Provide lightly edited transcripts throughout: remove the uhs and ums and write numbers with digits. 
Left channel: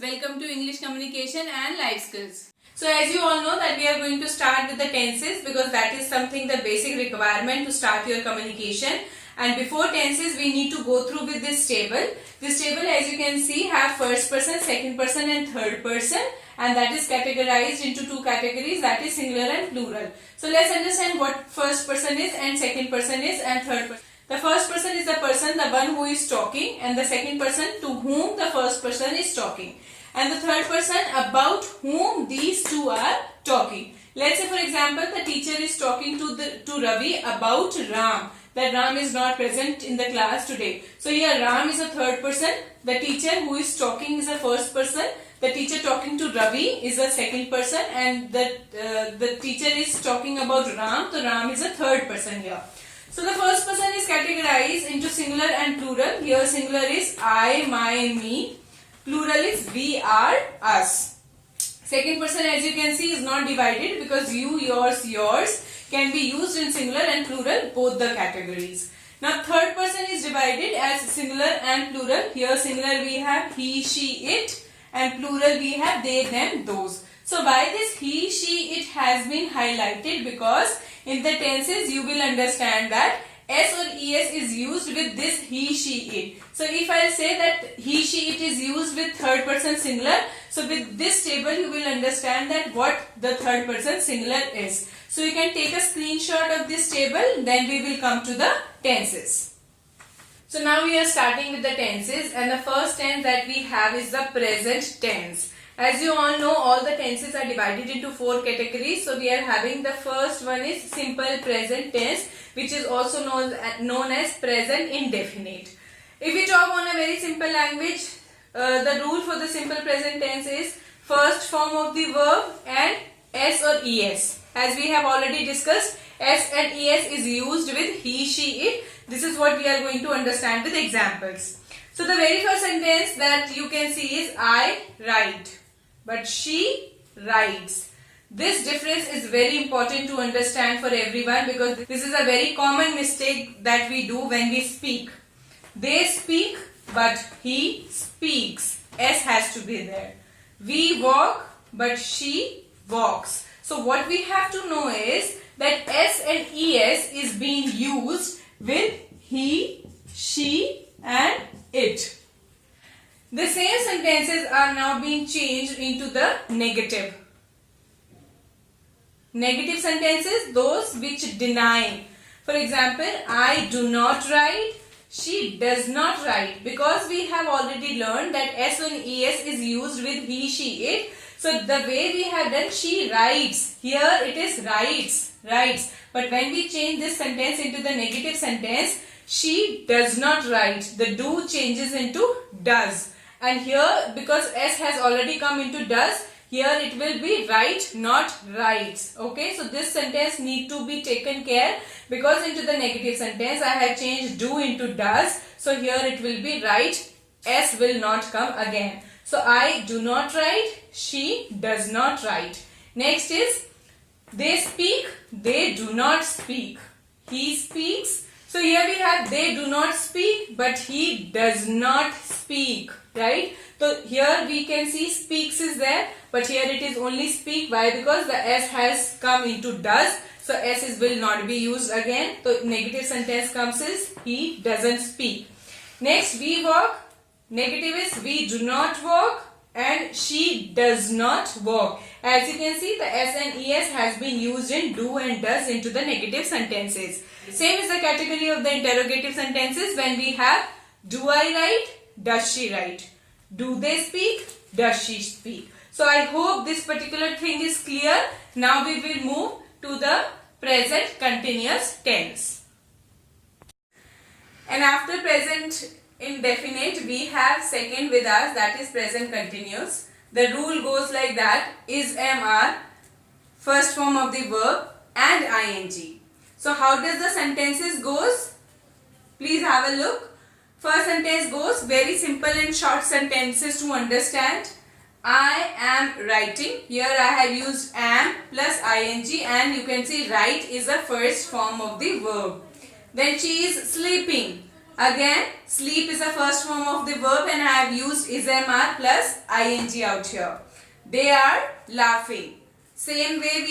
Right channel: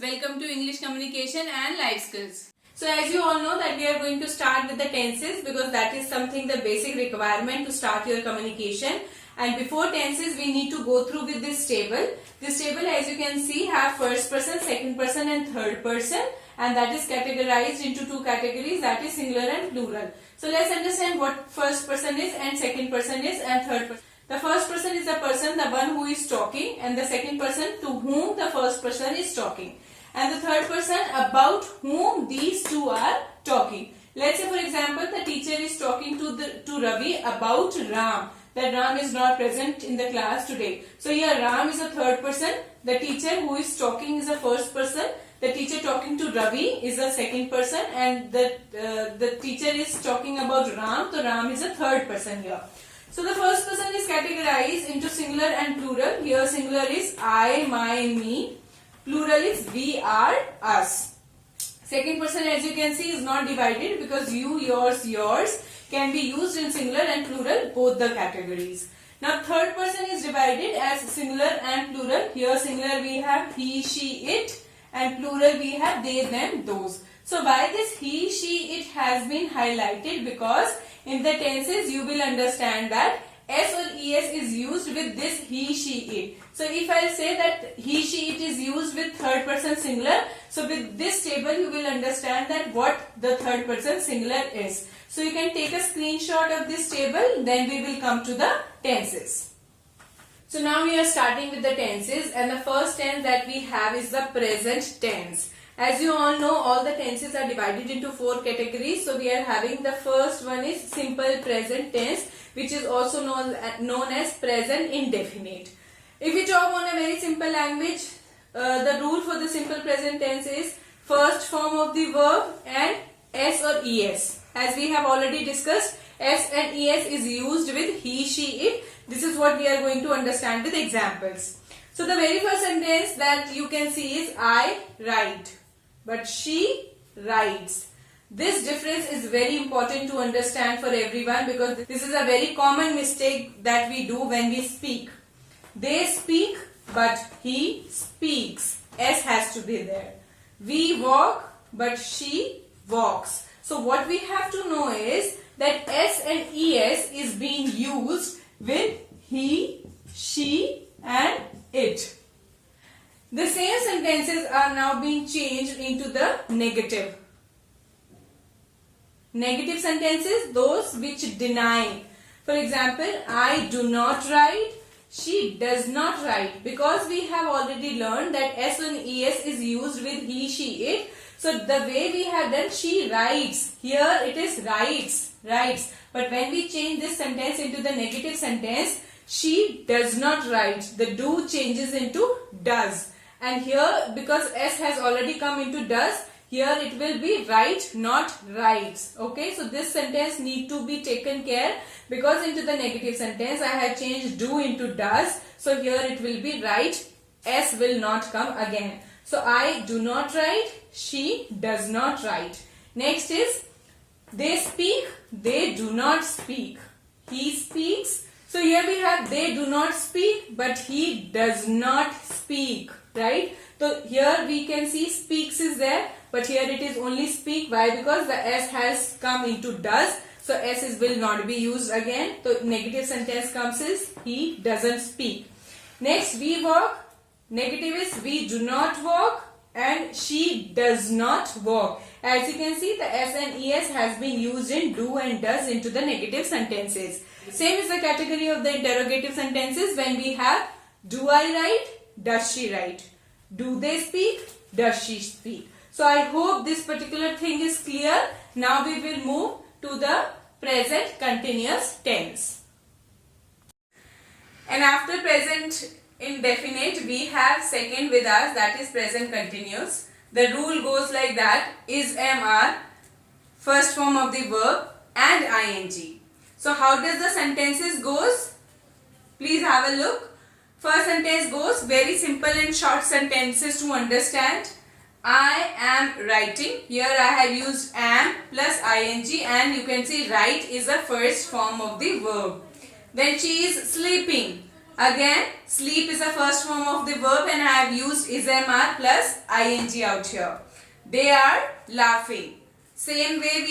Welcome to English Communication and Life Skills. So as you all know that we are going to start with the tenses because that is something the basic requirement to start your communication. And before tenses we need to go through with this table. This table, as you can see, have first person, second person and third person, and that is categorized into two categories, that is singular and plural. So let's understand what first person is and second person is and third person. The first person is the person, the one who is talking, and the second person to whom the first person is talking, and the third person about whom these two are talking. Let's say for example the teacher is talking to Ravi about Ram. That Ram is not present in the class today. So here Ram is a third person, the teacher who is talking is a first person, the teacher talking to Ravi is a second person, and the teacher is talking about Ram, so Ram is a third person here. So the first person is categorized into singular and plural. Here singular is I, my, me. Plural is we, are, us. Second person, as you can see, is not divided because you, yours can be used in singular and plural, both the categories. Now third person is divided as singular and plural. Here singular we have he, she, it, and plural we have they, them, those. So by this he, she, it has been highlighted because in the tenses you will understand that S or ES is used with this he, she, it. So if I say that he, she, it is used with third person singular, so with this table you will understand that what the third person singular is. So you can take a screenshot of this table, then we will come to the tenses. So now we are starting with the tenses, and the first tense that we have is the present tense. As you all know, all the tenses are divided into four categories. So we are having the first one is simple present tense, which is also known as present indefinite. If we talk on a very simple language, the rule for the simple present tense is first form of the verb and S or ES. As we have already discussed, S and ES is used with he, she, it. This is what we are going to understand with examples. So the very first sentence that you can see is I write, but she writes. This difference is very important to understand for everyone because this is a very common mistake that we do when we speak. They speak, but he speaks. S has to be there. We walk, but she walks. So what we have to know is that S and ES is being used with he, she and it. The same sentences are now being changed into the negative. Negative sentences, those which deny. For example, I do not write, she does not write. Because we have already learned that S and ES is used with he, she, it. So the way we have done, she writes. Here it is writes. But when we change this sentence into the negative sentence, she does not write. The do changes into does. And here, because S has already come into does, here it will be write, not writes. Okay, so this sentence need to be taken care because into the negative sentence I have changed do into does. So here it will be write, S will not come again. So I do not write, she does not write. Next is they speak, they do not speak. He speaks. So here we have they do not speak, but he does not speak. Right? So here we can see speaks is there, but here it is only speak. Why? Because the S has come into does. So S will not be used again. So negative sentence comes is he doesn't speak. Next we walk. Negative is we do not walk and she does not walk. As you can see, the S and ES has been used in do and does into the negative sentences. Same is the category of the interrogative sentences when we have do I write, does she write? Do they speak? Does she speak? So I hope this particular thing is clear. Now we will move to the present continuous tense. And after present indefinite, we have second with us, that is present continuous. The rule goes like that: is, am, are, first form of the verb and ing. So how does the sentences goes? Please have a look. First sentence goes very simple and short sentences to understand. I am writing. Here I have used am plus ing, and you can see write is the first form of the verb. Then she is sleeping. Again, sleep is the first form of the verb and I have used ismr plus ing out here. They are laughing. Same way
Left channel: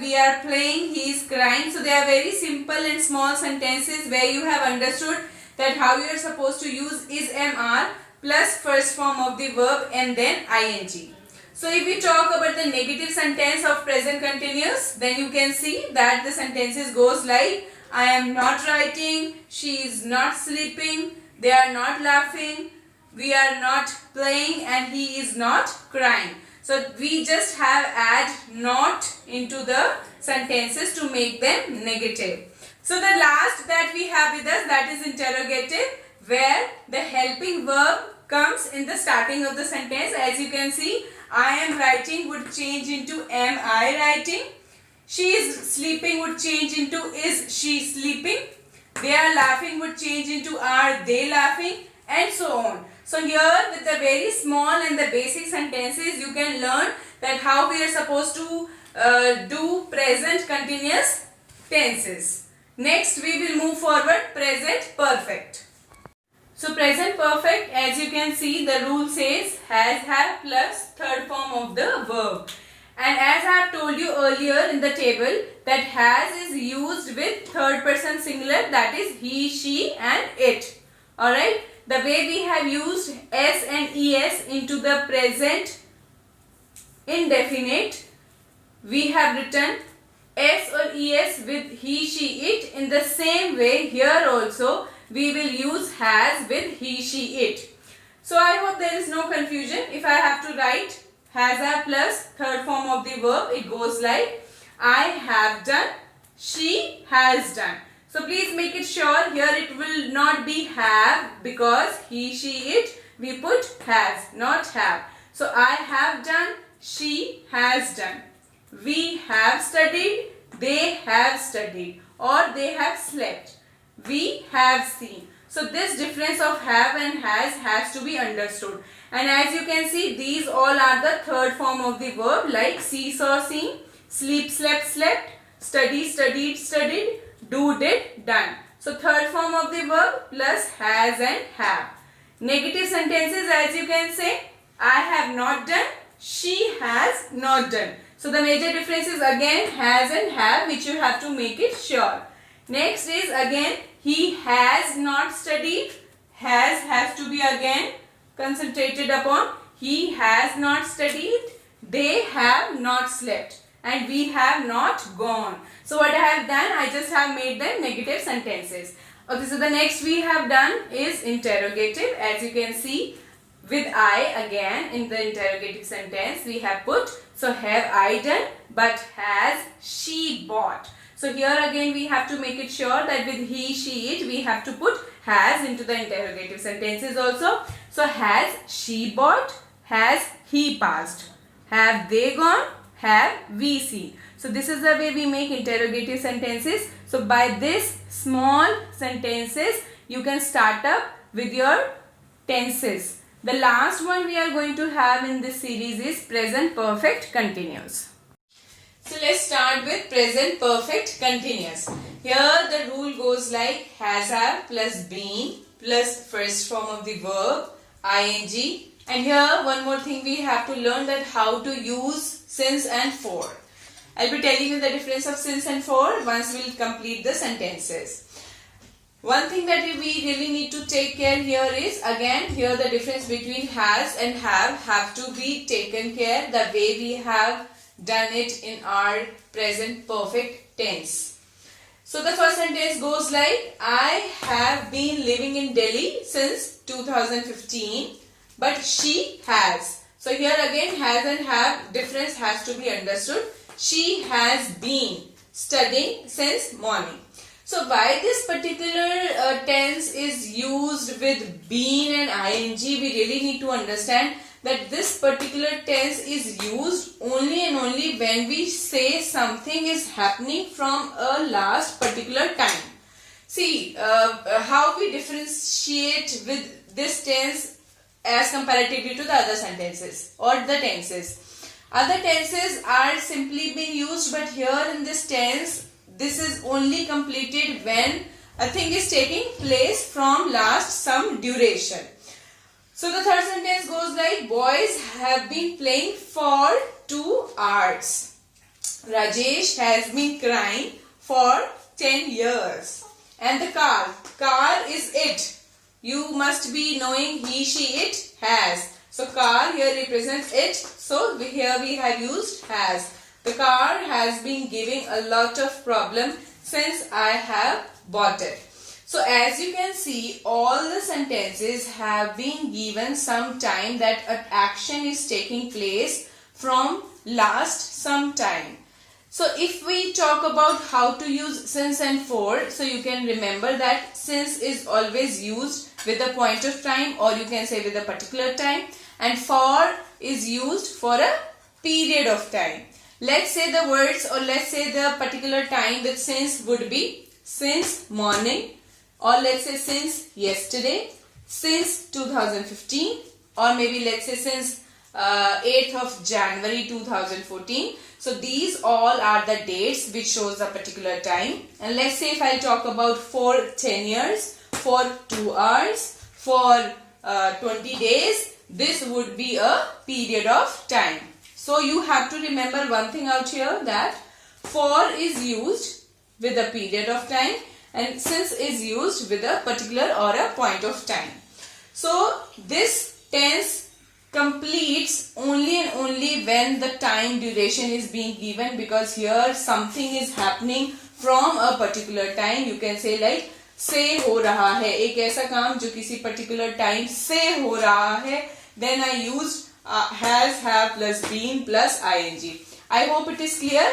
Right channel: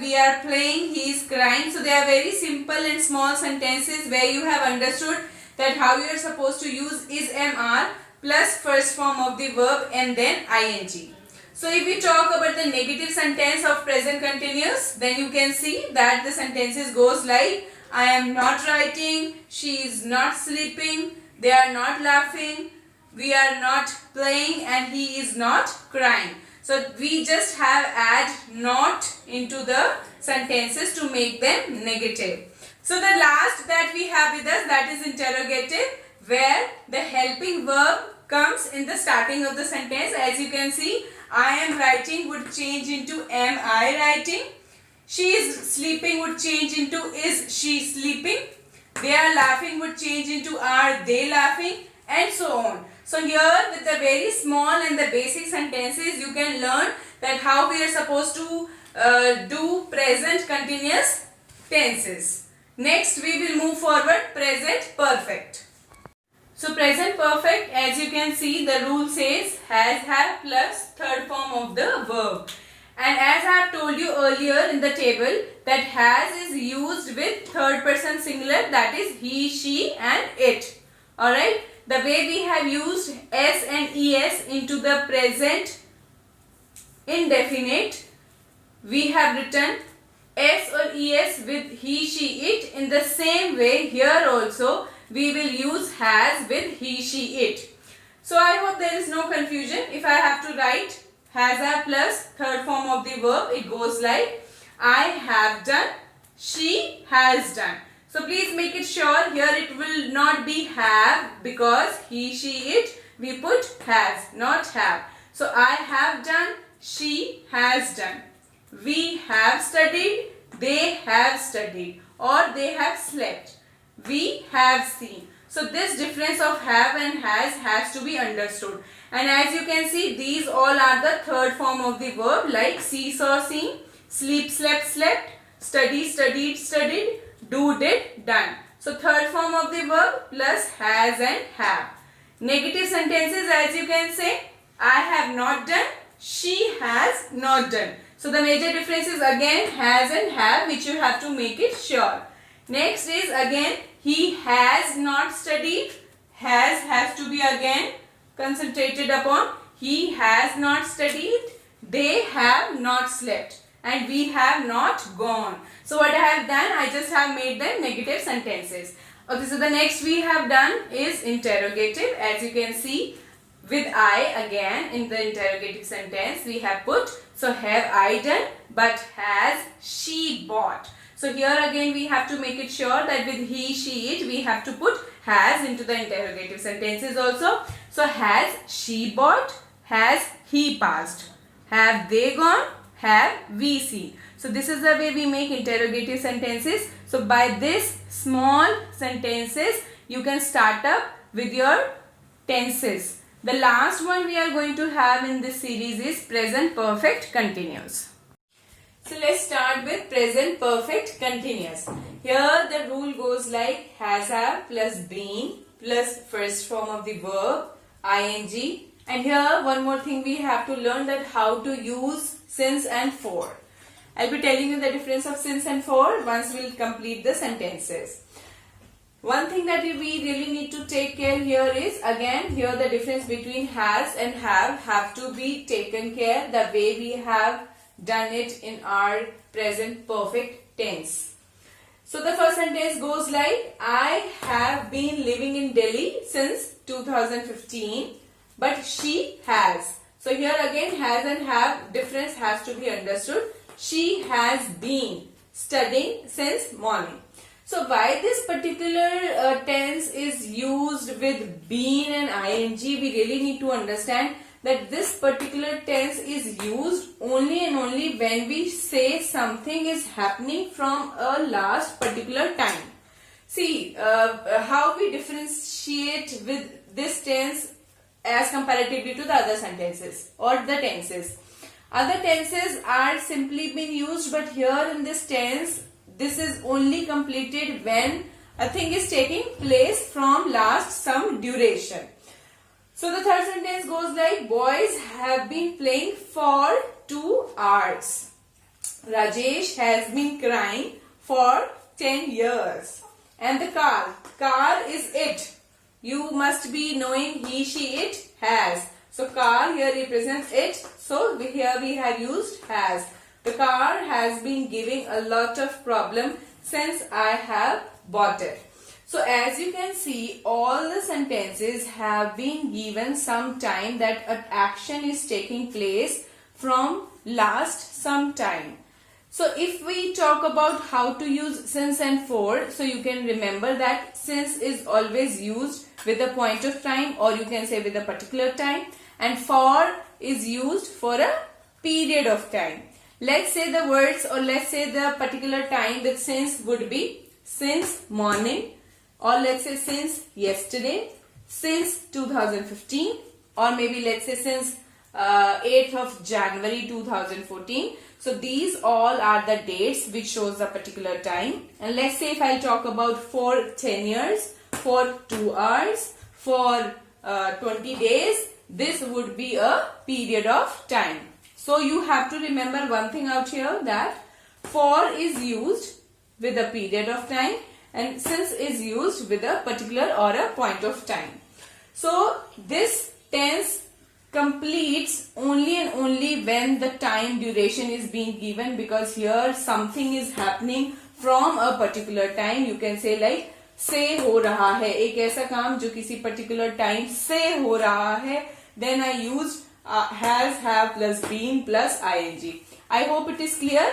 we are playing, he is crying. So they are very simple and small sentences where you have understood that how you are supposed to use ismr plus first form of the verb and then ing. So if we talk about the negative sentence of present continuous, then you can see that the sentences goes like I am not writing, she is not sleeping, they are not laughing, we are not playing and he is not crying. So we just have add not into the sentences to make them negative. So the last that we have with us, that is interrogative, where the helping verb comes in the starting of the sentence. As you can see, I am writing would change into am I writing. She is sleeping would change into is she sleeping. They are laughing would change into are they laughing, and so on. So here with the very small and the basic sentences you can learn that how we are supposed to do present continuous tenses. Next we will move forward present perfect. So present perfect, as you can see, the rule says has, have plus third form of the verb. And as I have told you earlier in the table that has is used with third person singular, that is he, she and it. Alright. The way we have used s and es into the present indefinite, we have written s or es with he, she, it. In the same way here also we will use has with he, she, it. So I hope there is no confusion. If I have to write has a plus third form of the verb, it goes like I have done, she has done. So please make it sure here it will not be have because he, she, it we put has, not have. So I have done, she has done. We have studied, they have studied, or they have slept. We have seen. So this difference of have and has to be understood. And as you can see, these all are the third form of the verb, like see, saw, seen, sleep, slept, slept, study, studied, studied, do, did, done. So third form of the verb plus has and have. Negative sentences, as you can say, I have not done, she has not done. So the major difference is again has and have, which you have to make it sure. Next is again he has not studied. Has to be again concentrated upon. He has not studied. They have not slept. And we have not gone. So what I have done, I just have made them negative sentences. Okay, so the next we have done is interrogative. As you can see, with I again in the interrogative sentence we have put, so have I done, but has she bought. So here again we have to make it sure that with he, she, it we have to put has into the interrogative sentences also. So has she bought, has he passed, have they gone, have we seen. So this is the way we make interrogative sentences. So by this small sentences you can start up with your tenses. The last one we are going to have in this series is present perfect continuous. So let's start with present perfect continuous. Here the rule goes like has, have plus been plus first form of the verb ing. And here one more thing we have to learn, that how to use since and for. I'll be telling you the difference of since and for once we'll complete the sentences. One thing that we really need to take care here is, again here the difference between has and have to be taken care the way we have done it in our present perfect tense. So the first sentence goes like I have been living in Delhi since 2015, but she has. So here again has and have difference has to be understood. She has been studying since morning. So why this particular tense is used with been and ing, we really need to understand that this particular tense is used only and only when we say something is happening from a last particular time. See how we differentiate with this tense as comparatively to the other sentences or the tenses. Other tenses are simply being used, but here in this tense, this is only completed when a thing is taking place from last some duration. So the third sentence goes like, boys have been playing for 2 hours. Rajesh has been crying for 10 years. And the car is it. You must be knowing he, she, it, has. So car here represents it. So here we have used has. The car has been giving a lot of problem since I have bought it. So as you can see, all the sentences have been given some time that an action is taking place from last some time. So if we talk about how to use since and for, so you can remember that since is always used with a point of time, or you can say with a particular time, and for is used for a period of time. Let's say the words, or let's say the particular time with since would be since morning, or let's say since yesterday, since 2015, or maybe let's say since 8th of January 2014. So these all are the dates which shows the particular time. And let's say if I talk about for 10 years, for 2 hours, for 20 days, this would be a period of time. So you have to remember one thing out here, that for is used with a period of time and since is used with a particular or a point of time. So this tense completes only and only when the time duration is being given, because here something is happening from a particular time. You can say like से हो रहा है, एक ऐसा काम जो किसी particular time से हो रहा है. Then I used has, have plus been plus ing. I hope it is clear.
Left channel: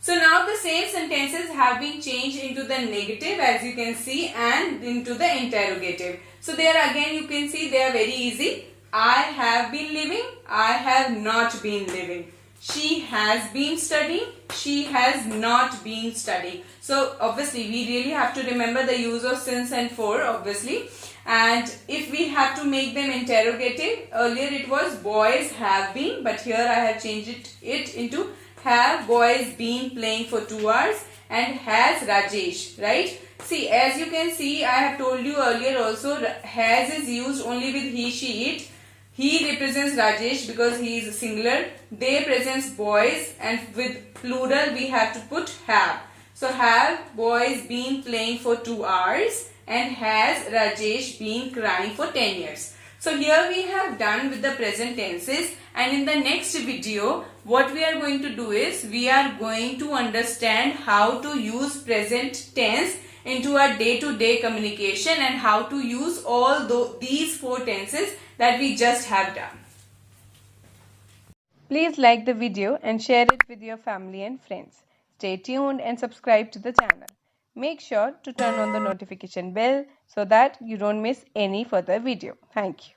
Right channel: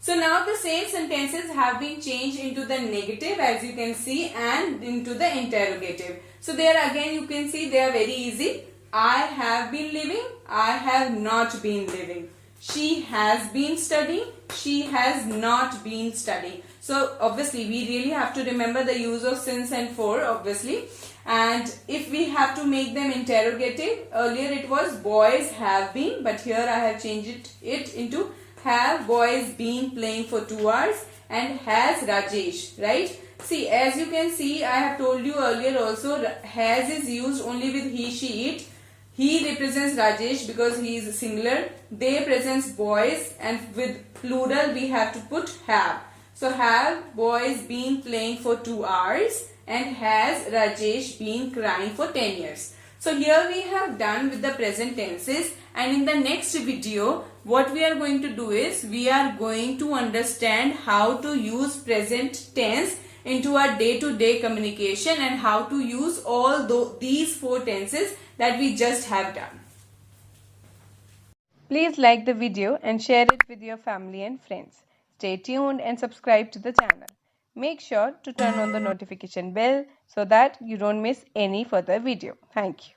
So now the same sentences have been changed into the negative, as you can see, and into the interrogative. So there again you can see they are very easy. I have been living, I have not been living. She has been studying, she has not been studying. So obviously we really have to remember the use of since and for, obviously. And if we have to make them interrogative, earlier it was boys have been, but here I have changed it into have boys been playing for 2 hours, and has Rajesh, right? See, as you can see, I have told you earlier also, has is used only with he, she, it. He represents Rajesh because he is singular. They presents boys, and with plural we have to put have. So have boys been playing for 2 hours, and has Rajesh been crying for 10 years. So here we have done with the present tenses, and in the next video what we are going to do is we are going to understand how to use present tense into our day-to-day communication, and how to use all these 4 tenses that we just have done. Please like the video and share it with your family and friends. Stay tuned and subscribe to the channel. Make sure to turn on the notification bell so that you don't miss any further video. Thank you.